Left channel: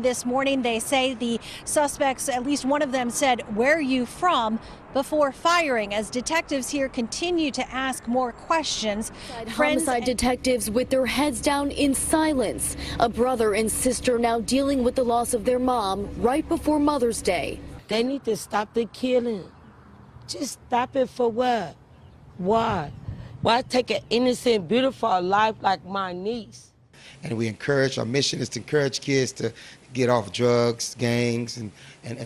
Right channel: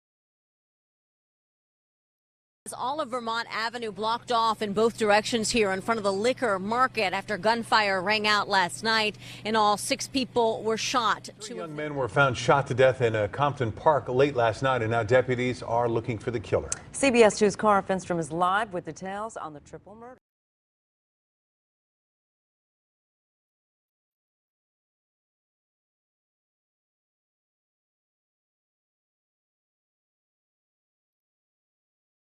This morning, they say the suspects, at least one of them, said, "Where are you from?" in both before directions firing, here in front as of the liquor detectives here market after continue to gunfire ask rang more out last questions. night, and all Friends, 6 people detectives were with shot. their heads down in Were found shot silence. to death A in brother and Compton Park sister late now last dealing night, with the and now loss of their deputies are mom looking for the right killer. before Mother's CBS Day. News Cara They Festrom need is to live stop with the the details killing. on the triple murder. Just stop it for what? Why? Why take an innocent, beautiful life like my niece? And we encourage, our mission is to encourage kids to get off drugs, gangs, and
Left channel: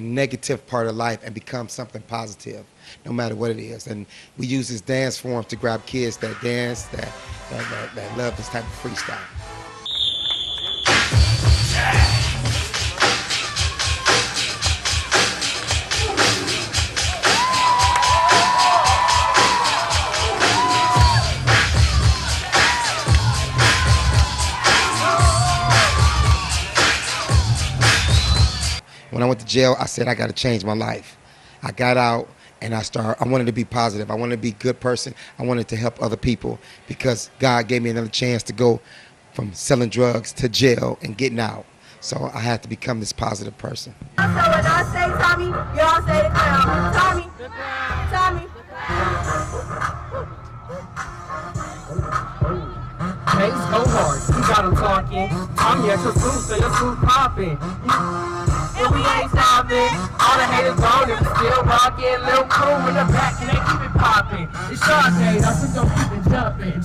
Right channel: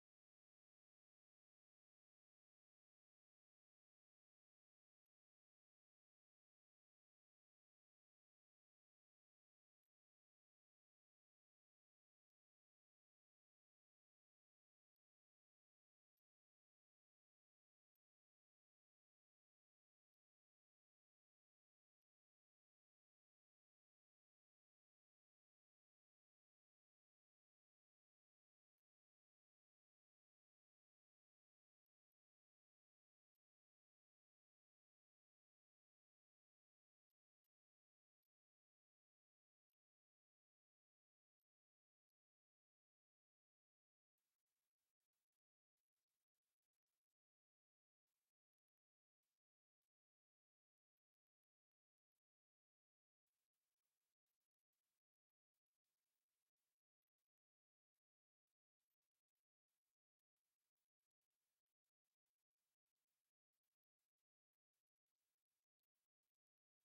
negative part of life and become something positive, no matter what it is. And we use this dance form to grab kids that dance, that love this type of freestyle. When I went to jail, I said, I got to change my life. I got out and I wanted to be positive. I wanted to be a good person. I wanted to help other people because God gave me another chance to go from selling drugs to jail and getting out. So I had to become this positive person. So when I say Tommy, y'all say the clown. Tommy, Tommy. Hey, go hard. You got him talking. I'm here to prove, so your food popping. And we ain't stopping. All the haters gone, and we still rocking. Little crew in the back, and they keep it popping. It's your day, that's what don't keep it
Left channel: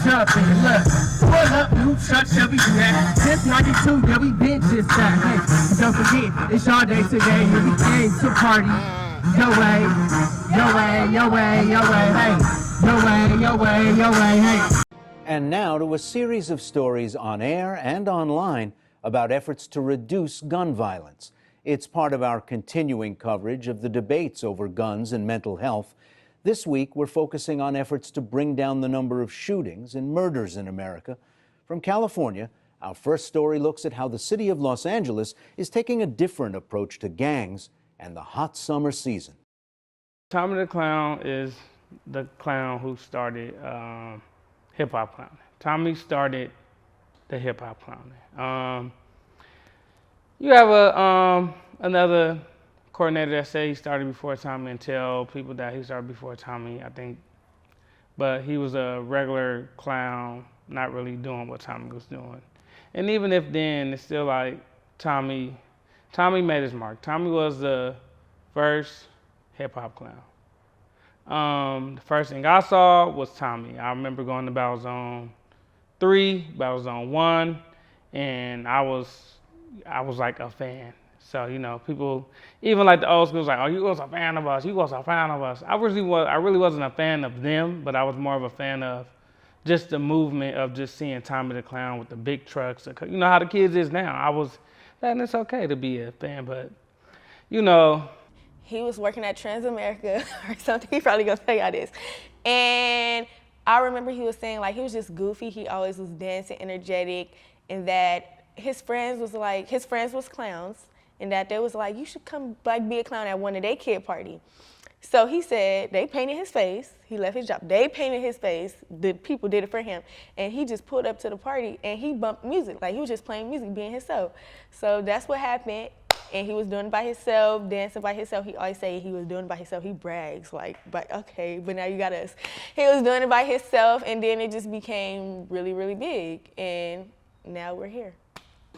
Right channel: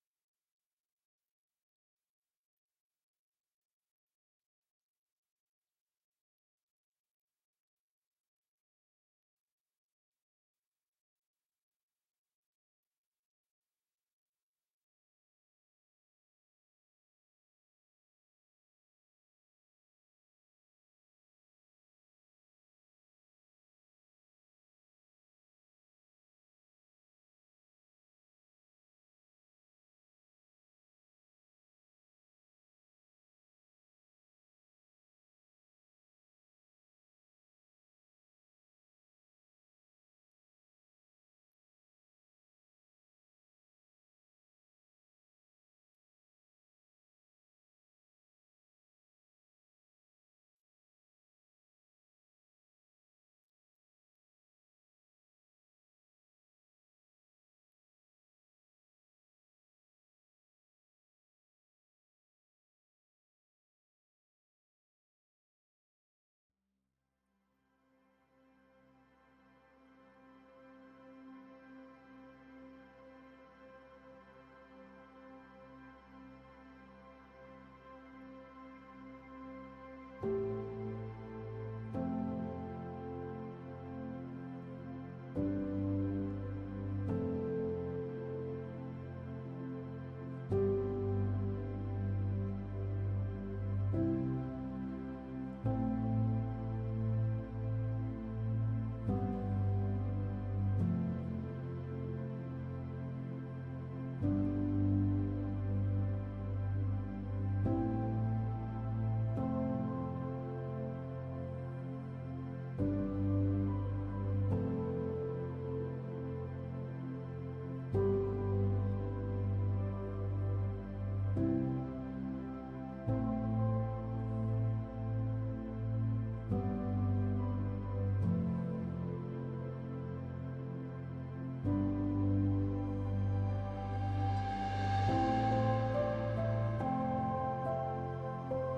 jumping. Look, pull up, new truck, shall we do that? Since 92, yeah, we been just that. Hey, don't forget, it's your day today, and we came to party. Your way, your way, your way, your way, hey. Your way, your way, your way, hey. And now to a series of stories on air and online about efforts to reduce gun violence. It's part of our continuing coverage of the debates over guns and mental health. This week, we're focusing on efforts to bring down the number of shootings and murders in America. From California, our first story looks at how the city of Los Angeles is taking a different approach to gangs and the hot summer season. Tommy the Clown is the clown who started hip-hop clowning. Tommy started the hip-hop clowning. You have another coordinator that say he started before Tommy and tell people that he started before Tommy, I think. But he was a regular clown, not really doing what Tommy was doing. And even if then, it's still like Tommy made his mark. Tommy was the first hip-hop clown. The first thing I saw was Tommy. I remember going to Battle Zone 3, Battle Zone 1, and I was like a fan. So, you know, people, even like the old school was like, oh, you was a fan of us, you was a fan of us. I really wasn't a fan of them, but I was more of a fan of just the movement of just seeing Tommy the Clown with the big trucks. You know how the kids is now. And it's okay to be a fan, but, you know. He was working at Transamerica or something. He probably gonna tell y'all this. And I remember he was saying like he was just goofy. He always was dancing, energetic, and that his friends was clowns, and that they was like, you should come like be a clown at one of their kid party. So he said they painted his face. He left his job. They painted his face. The people did it for him, and he just pulled up to the party and he bumped music. Like he was just playing music, being himself. So that's what happened. And he was doing it by himself, dancing by himself. He always say he was doing it by himself. He brags like, but okay, but now you got us. He was doing it by himself, and then it just became really, really big, and now we're here.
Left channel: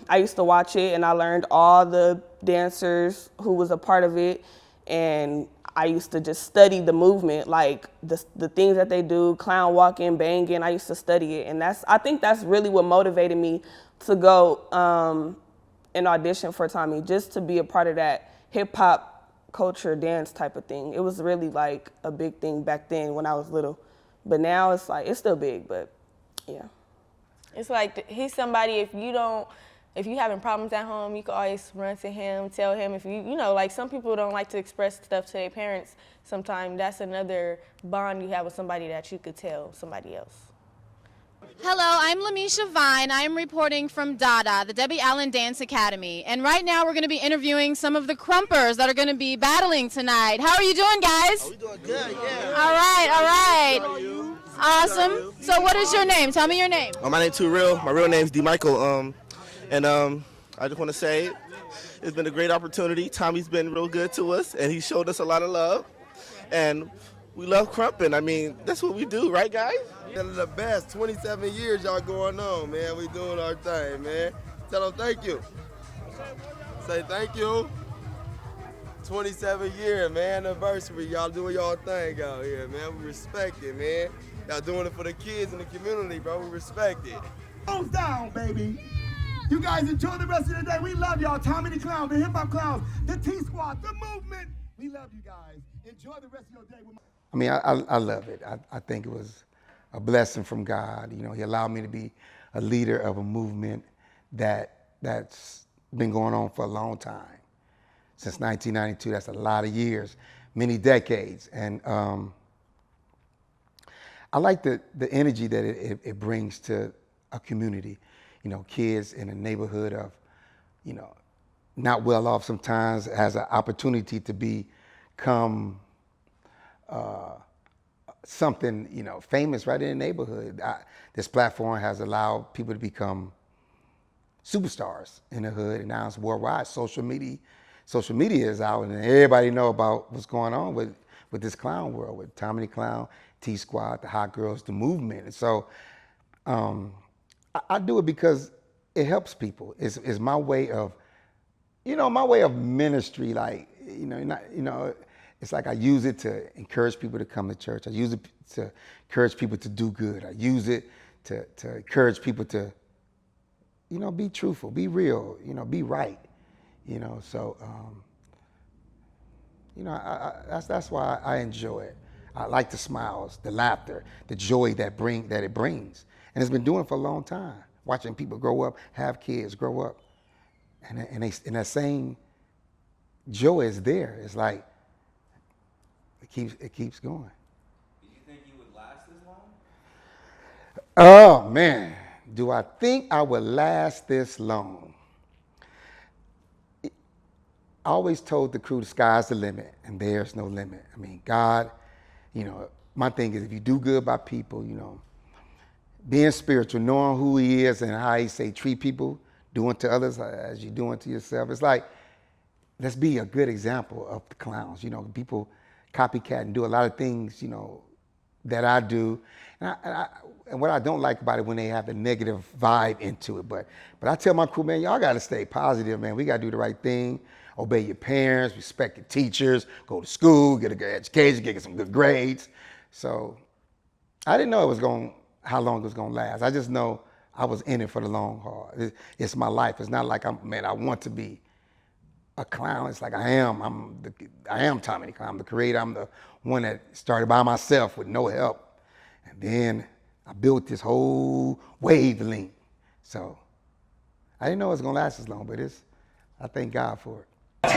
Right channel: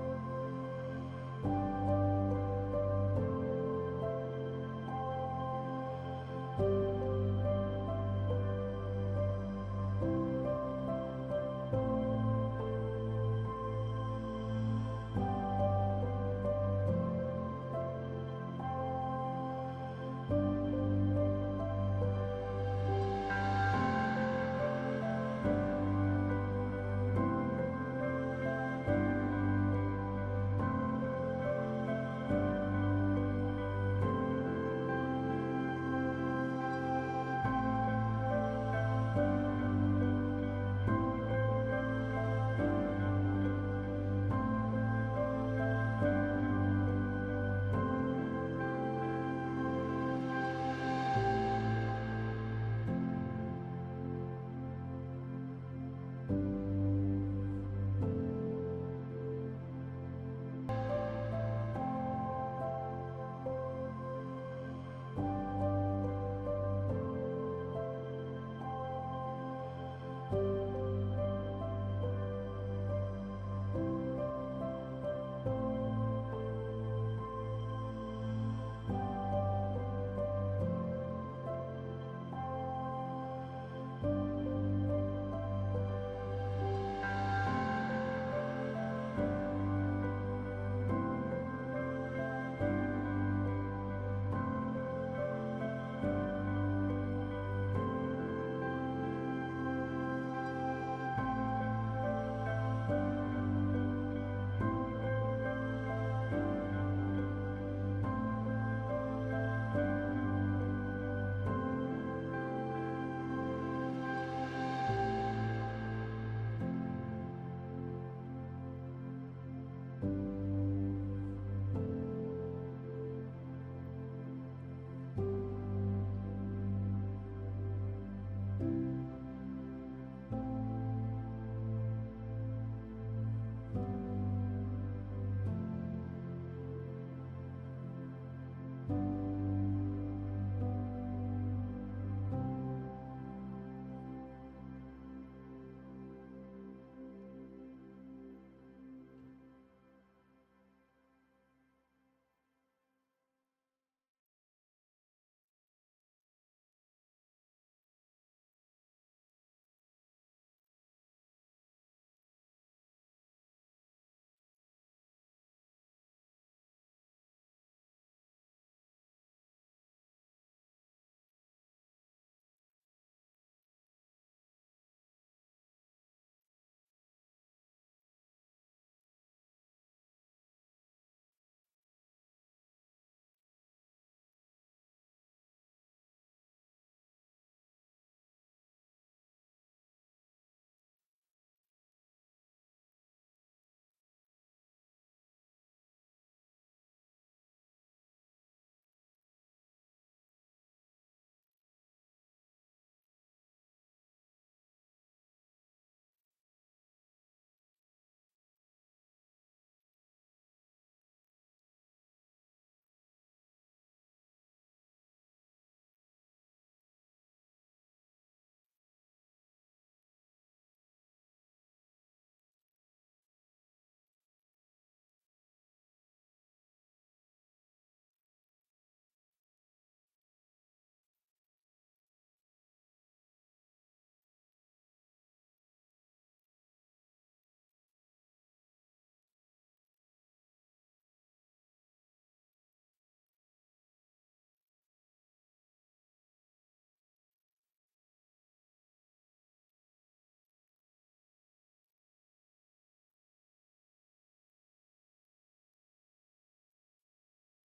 I used to watch it, and I learned all the dancers who was a part of it, and I used to just study the movement, like the things that they do, clown walking, banging. I used to study it, and I think that's really what motivated me to go and audition for Tommy, just to be a part of that hip-hop culture dance type of thing. It was really like a big thing back then when I was little, but now it's like, it's still big, but yeah. It's like he's somebody, if you having problems at home, you can always run to him, tell him. If you know, like some people don't like to express stuff to their parents. Sometimes that's another bond you have with somebody that you could tell somebody else. Hello, I'm Lamisha Vine. I'm reporting from DADA, the Debbie Allen Dance Academy. And right now we're going to be interviewing some of the Crumpers that are going to be battling tonight. How are you doing, guys? I'm doing good, yeah. All right, all right. How are you? Awesome. So what is your name? Tell me your name. My name's Too Real. My real name's D. Michael. I just want to say, It's been a great opportunity. Tommy's been real good to us, and he showed us a lot of love. And we love crumping. I mean, that's what we do, right, guys? They're the best. 27 years y'all going on, man. We doing our thing, man. Tell them thank you. Say thank you. 27 year, man, anniversary. Y'all doing y'all thing out here, man. We respect it, man. Y'all doing it for the kids in the community, bro. We respect it. Move down, baby. You guys enjoy the rest of the day. We love y'all. Tommy the Clown, the Hip Hop Clowns, the T-Squad, the movement. We love you guys. Enjoy the rest of the day. I mean, I love it. I think it was a blessing from God. You know, he allowed me to be a leader of a movement that's been going on for a long time. Since 1992, that's a lot of years, many decades. And I like the energy that it brings to a community. You know, kids in a neighborhood of, you know, not well off sometimes has an opportunity to become something, you know, famous right in the neighborhood. This platform has allowed people to become superstars in the hood, and now it's worldwide. Social media is out, and everybody know about what's going on with this clown world, with Tommy the Clown, T-Squad, the Hot Girls, the movement. And so I do it because it helps people. It's my way of, you know, my way of ministry. Like, it's like I use it to encourage people to come to church. I use it to encourage people to do good. I use it to encourage people to, you know, be truthful, be real, you know, be right. You know, so you know, that's why I enjoy it. I like the smiles, the laughter, the joy that it brings, and it's been doing it for a long time. Watching people grow up, have kids, grow up, and that same joy is there. It's like it keeps going. Do you think you would last this long? Oh man, do I think I would last this long? I always told the crew the sky's the limit, and there's no limit. I mean, God, you know, my thing is if you do good by people, you know, being spiritual, knowing who he is and how he say treat people, doing to others as you doing to yourself. It's like, let's be a good example of the clowns. You know, people copycat and do a lot of things, you know, that I do. And what I don't like about it when they have the negative vibe into it. But I tell my crew, man, y'all got to stay positive, man. We got to do the right thing. Obey your parents, respect your teachers, go to school, get a good education, get some good grades. So I didn't know how long it was going to last. I just know I was in it for the long haul. It's my life. It's not like I want to be a clown. It's like I am Tommy the Clown. I'm the creator. I'm the one that started by myself with no help. And then I built this whole wavelength. So I didn't know it was going to last as long, but I thank God for it.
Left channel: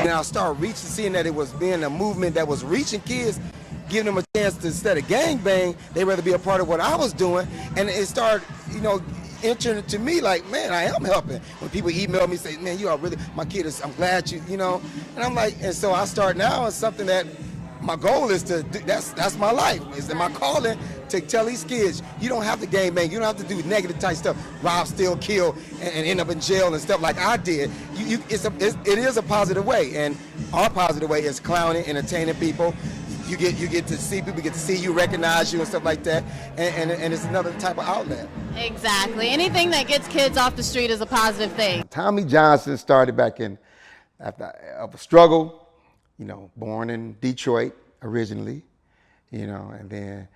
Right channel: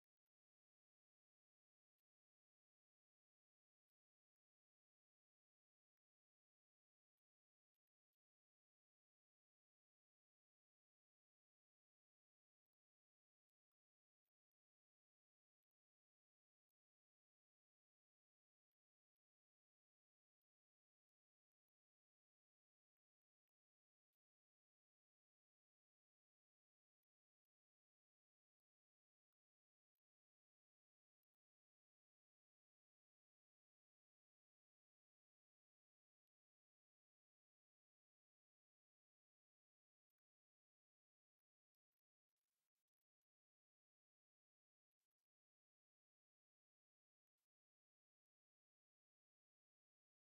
Now I start seeing that it was being a movement that was reaching kids, giving them a chance to, instead of gangbang, they'd rather be a part of what I was doing. And it started, you know, entering to me like, man, I am helping. When people email me, say, man, you are really, my kid is, I'm glad you know. And I'm like, and so I start now, it's something that my goal is to do, that's my life, is my calling to tell these kids, you don't have to gangbang, you don't have to do negative type stuff, rob, steal, kill, and end up in jail and stuff like I did. It is a positive way, and our positive way is clowning, entertaining people. You get to see people, get to see you, recognize you, and stuff like that, and it's another type of outlet. Exactly. Anything that gets kids off the street is a positive thing. Tommy Johnson started back after a struggle. You know, born in Detroit originally, you know, and then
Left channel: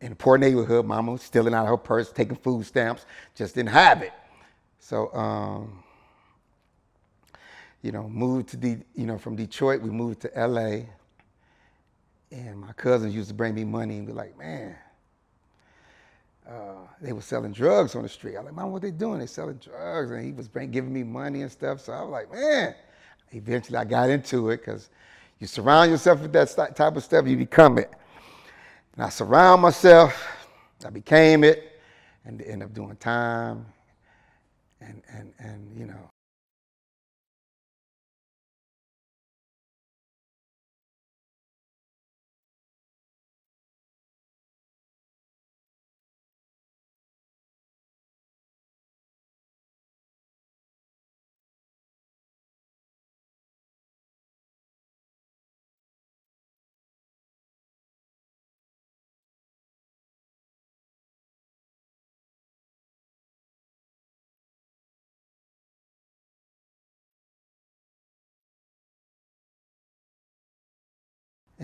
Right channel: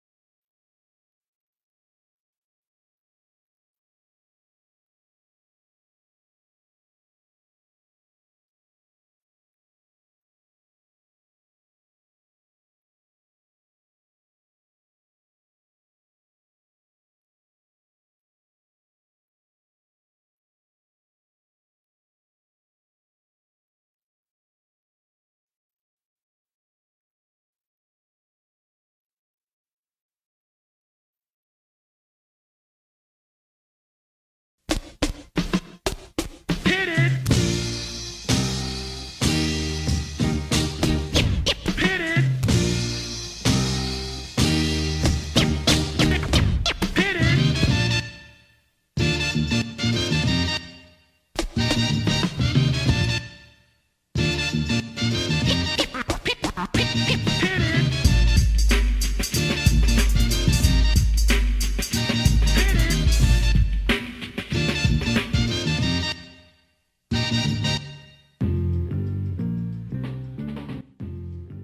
in a poor neighborhood, mama was stealing out of her purse, taking food stamps, just didn't have it. So, you know, moved to from Detroit, we moved to LA, and my cousins used to bring me money and be like, man, they were selling drugs on the street. I was like, Mom, what they doing? They selling drugs, and he was giving me money and stuff. So I was like, man. Eventually, I got into it because you surround yourself with that type of stuff, you become it. And I surround myself, I became it, and end up doing time. And you know. Hit it! Hit it! Hit it!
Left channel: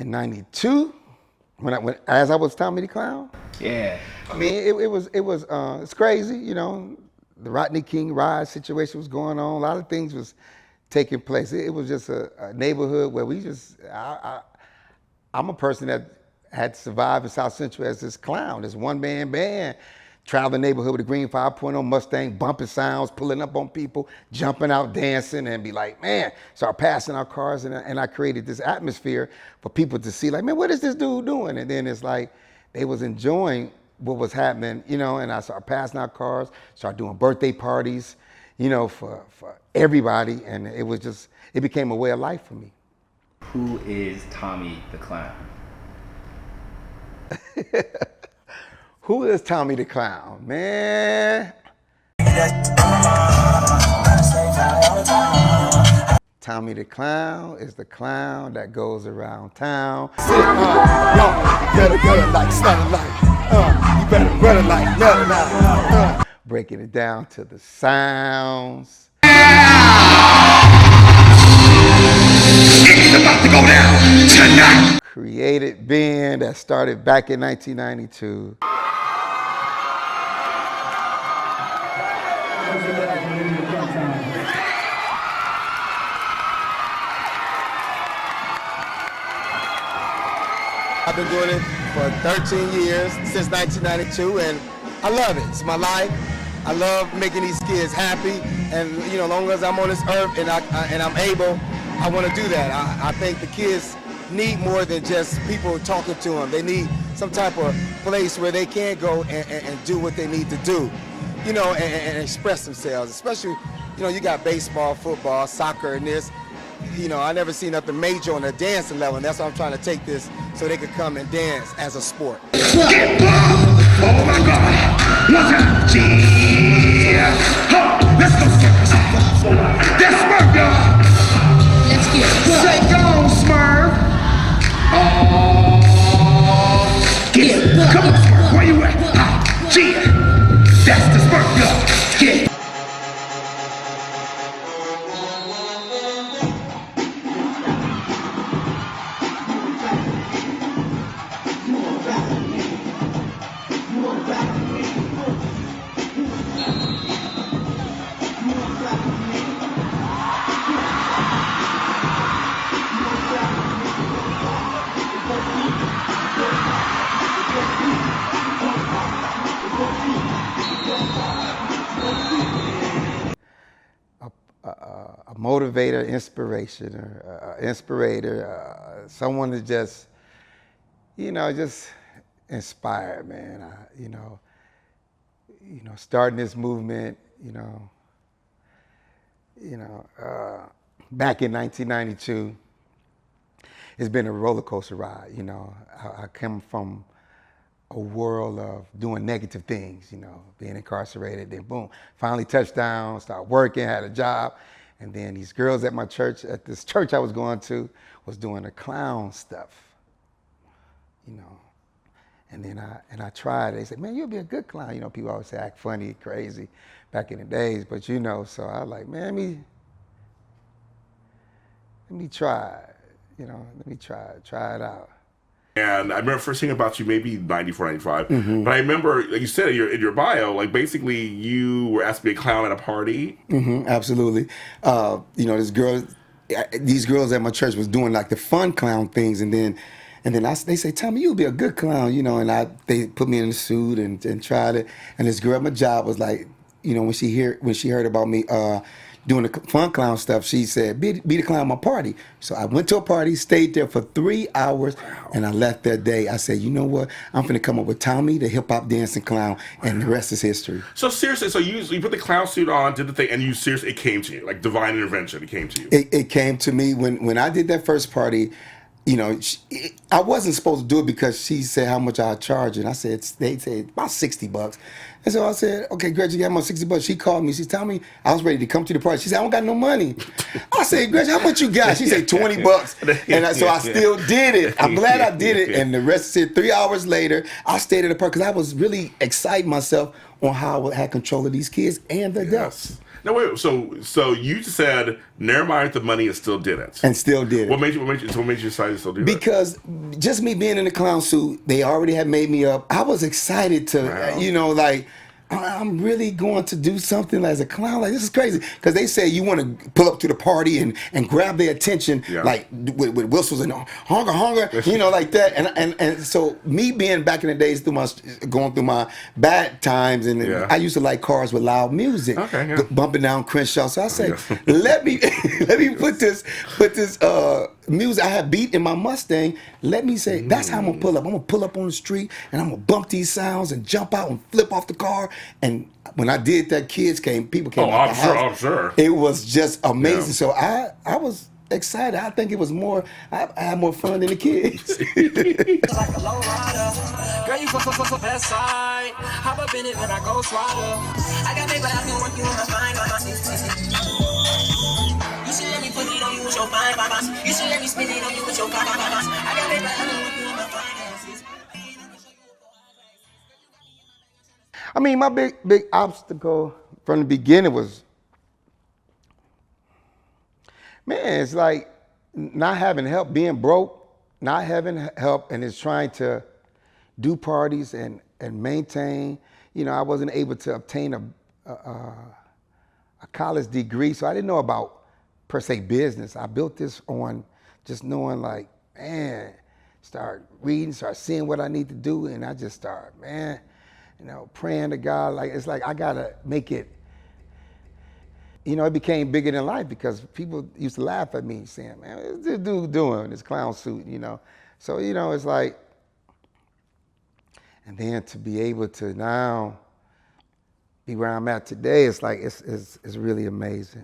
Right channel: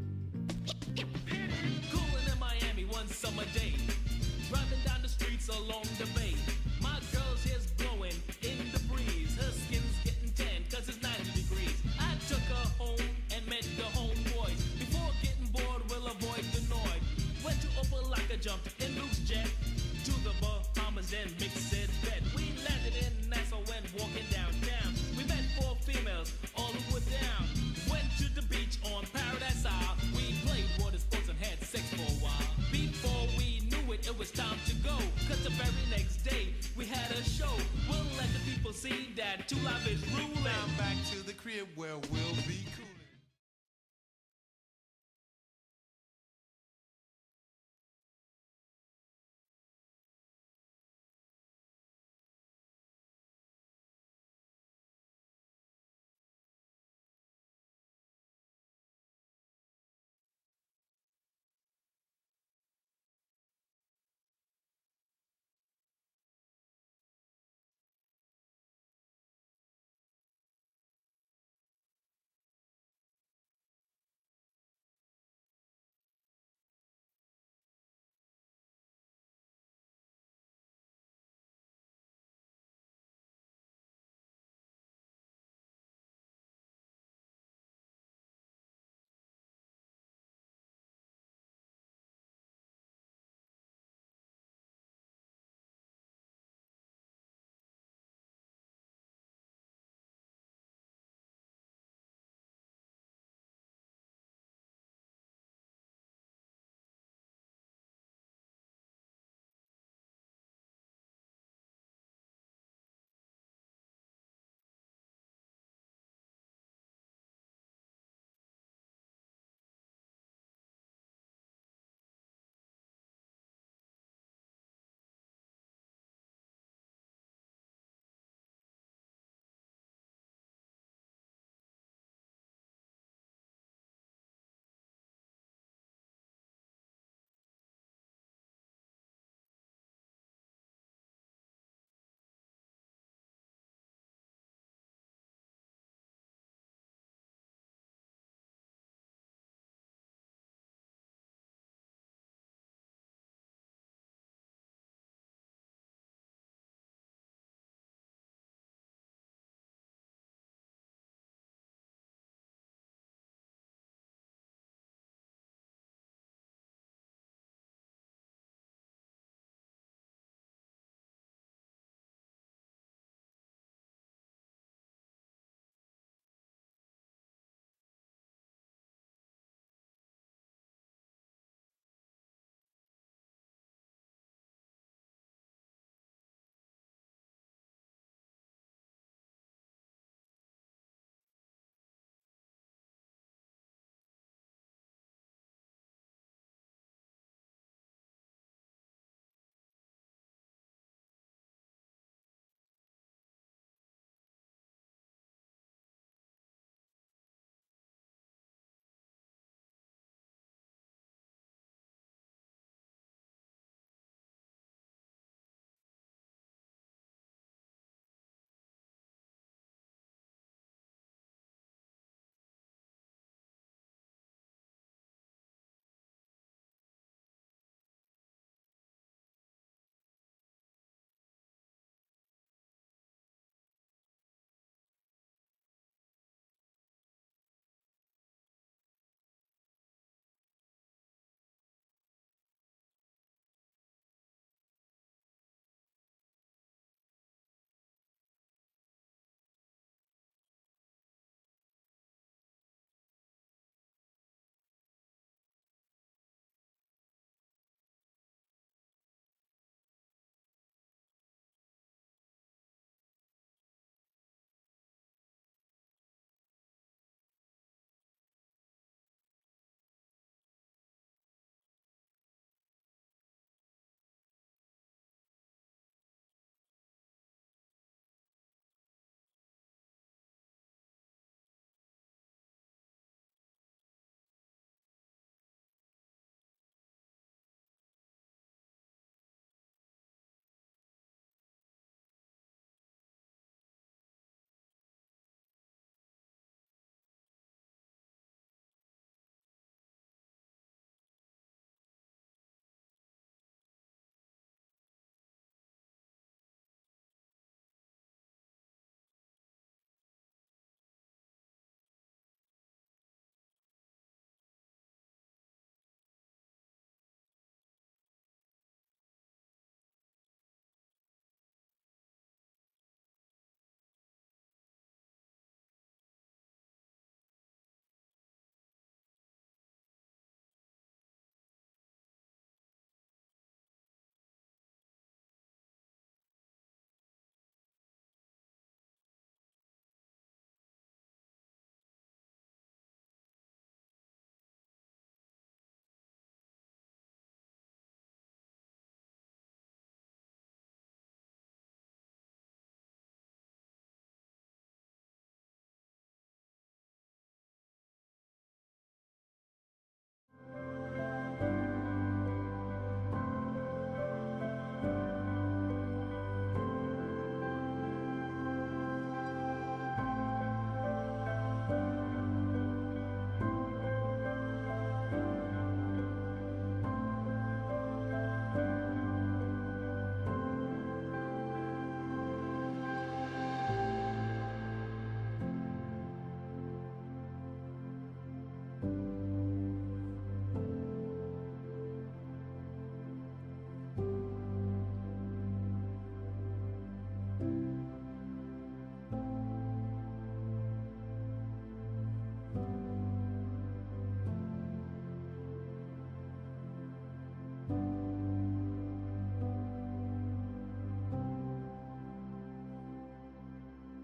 in '92 as I was Tommy the Clown. Yeah. I mean, it's crazy, you know. The Rodney King ride situation was going on. A lot of things was taking place. It was just a neighborhood where I'm a person that had survived in South Central as this clown, this one-man band, traveling neighborhood with a green 5.0 Mustang, bumping sounds, pulling up on people, jumping out, dancing, and be like, man, start passing our cars, and I created this atmosphere for people to see, like, man, what is this dude doing? And then it's like, they was enjoying what was happening, you know, and I started passing out cars, started doing birthday parties, you know, for everybody, and it became a way of life for me. Who is Tommy the Clown? Who is Tommy the Clown, man? Tommy the Clown is the clown that goes around town. You better get it like Stunning Light. You better run it like nothing now. Breaking it down to the sounds. It's about to go down tonight. Created band that started back in 1992. I've been doing it for 13 years, since 1992, and I love it. It's my life. I love making these kids happy, and you know, as long as I'm on this earth and I'm able, I want to do that. I think the kids need more than just people talking to them. They need some type of place where they can go and do what they need to do, you know, and express themselves. Especially, you know, you got baseball, football, soccer, and this. You know, I never seen nothing major on a dancing level, and that's why I'm trying to take this so they could come and dance as a sport. Get oh my God! What's up, yeah? Let's go, Smurf. That's Smurf, y'all. Let's get it. Say go, Smurf. Oh, get it. Come on, Smurf. Where you at? Yeah. That's the Smurf, y'all. Get it. A motivator, inspirator, someone to just, you know, just inspire, man. You know, starting this movement, you know, back in 1992, it's been a roller coaster ride. You know, I come from a world of doing negative things, you know, being incarcerated, then boom, finally touchdown, start working, had a job, and then these girls at my church, at this church I was going to, was doing the clown stuff, you know, and then I tried it. They said, man, you'll be a good clown. You know, people always say act funny, crazy, back in the days, but you know, so I was like, man, let me try, you know, let me try it out. And I remember first thing about you, maybe 94, 95. Mm-hmm. But I remember, like you said in your bio, like basically you were asked to be a clown at a party. Mm-hmm, absolutely. You know, these girls at my church was doing like the fun clown things, and then they say, Tommy, you'll be a good clown, you know, and they put me in a suit and tried it. And this girl at my job was like, you know, when she heard about me doing the fun clown stuff, she said, be the clown at my party. So I went to a party, stayed there for 3 hours, and I left that day. I said, you know what? I'm finna come up with Tommy, the hip-hop dancing clown, and the rest is history. So seriously, so you put the clown suit on, did the thing, and it came to you, like divine intervention, it came to you. It came to me when I did that first party. You know, I wasn't supposed to do it because she said how much I'd charge, and I said, they said about $60. And so I said, okay, Gretchen, you got my $60. She called me. She told me I was ready to come to the party. She said, I don't got no money. I said, Gretchen, how much you got? She said, $20. And so I still did it. I'm glad I did it. And the rest said 3 hours later, I stayed at the park because I was really exciting myself on how I had control of these kids and the adults. No, wait. So you said never mind the money and still did it. And still did it. What made you decide to still do it? Because just me being in the clown suit, they already had made me up. I was excited to, you know, like, I'm really going to do something as a clown. Like, this is crazy. Because they say you want to pull up to the party and grab their attention, like with whistles and hunger, you know, like that. And so me being back in the days going through my bad times, and I used to like cars with loud music, bumping down Crenshaw. So I said, let me put this music I have beat in my Mustang. Let me say, that's how I'm gonna pull up. I'm gonna pull up on the street and I'm gonna bump these sounds and jump out and flip off the car. And when I did that, people came out the house. I'm sure. It was just amazing. So I was excited. I think it was more, I had more fun than the kids. Girl, you so best side. Hop up in it when I go swallow. I got paper, I can work you on my fine, you should let me put it on you with your fine, you should let me spin it on you with your fine, I got paper, I can work you on my fine. I mean, my big obstacle from the beginning was, man, it's like not having help, being broke, not having help, and it's trying to do parties and maintain. You know, I wasn't able to obtain a college degree, so I didn't know about, per se, business. I built this on just knowing, like, man, start reading, start seeing what I need to do, and I just start, man, you know, praying to God. Like, it's like I gotta make it. You know, it became bigger than life because people used to laugh at me saying, man, what's this dude doing, this clown suit, you know? So, you know, it's like, and then to be able to now be where I'm at today, it's like, it's really amazing.